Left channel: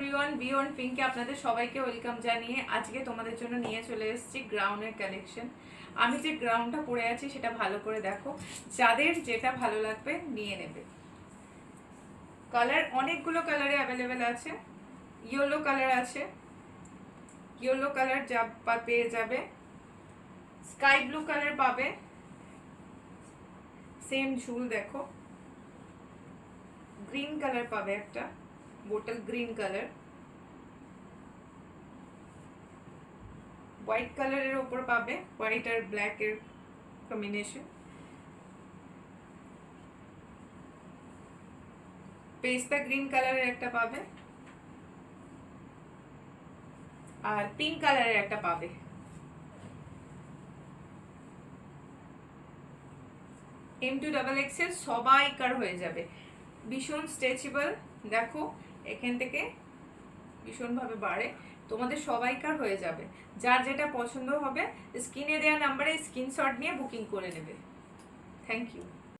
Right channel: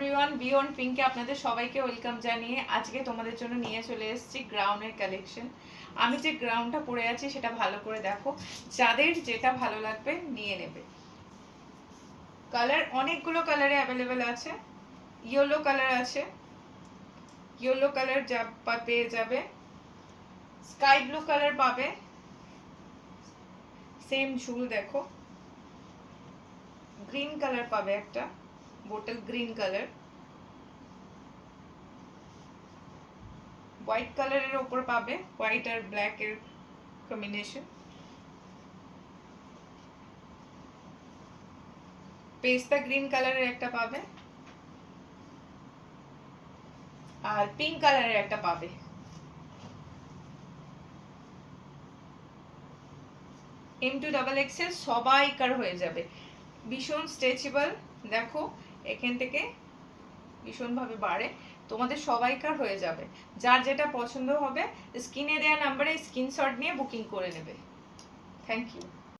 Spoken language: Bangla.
এভরিওয়ান, বিয়ন্ড পিঙ্কে আপনাদের সবাইকে ওয়েলকাম জানিয়ে আজকে তোমাদের জন্য নিয়ে চলে এসেছি গ্রাউন্ডের কালেকশন। আমি যে গ্রাউন্ডটা পরে আছি সেটা ভালো করে দেখো, যাদের যেটা ভালো লাগবে নিয়ে নেবে। কালার অনেকগুলো কালারে অ্যাভেলেবেল আছে। ইয়েলো কালার আছে, ইয়েলো কালার পেয়ে যাবে, স্কাই ব্লু কালার পাবে, সেম ঝুল দেখো, গ্রিন কালার পাবে, একটা বোটল গ্রিন কালার, হোয়াইট কালারের ওপর পাবে, হোয়াইট আর ব্ল্যাক এর কম্বিনেশন, পেস্তা গ্রিন কালারের একটা পাবে, আর পিঙ্ক কালারের একটা পাবে। M2XX সবাইকার হয়ে যাবে, ভীষণ স্ট্রেচেবল। দেখো এখান থেকে ভীষণ ভাবে বাড়ে, তোমাদের সবাইকার হয়ে যাবে। যার যেটা পছন্দ হবে স্ক্রিনে দেওয়া নাম্বারে স্ক্রিনশট নিয়ে বুকিং করে নেবে। Thank you.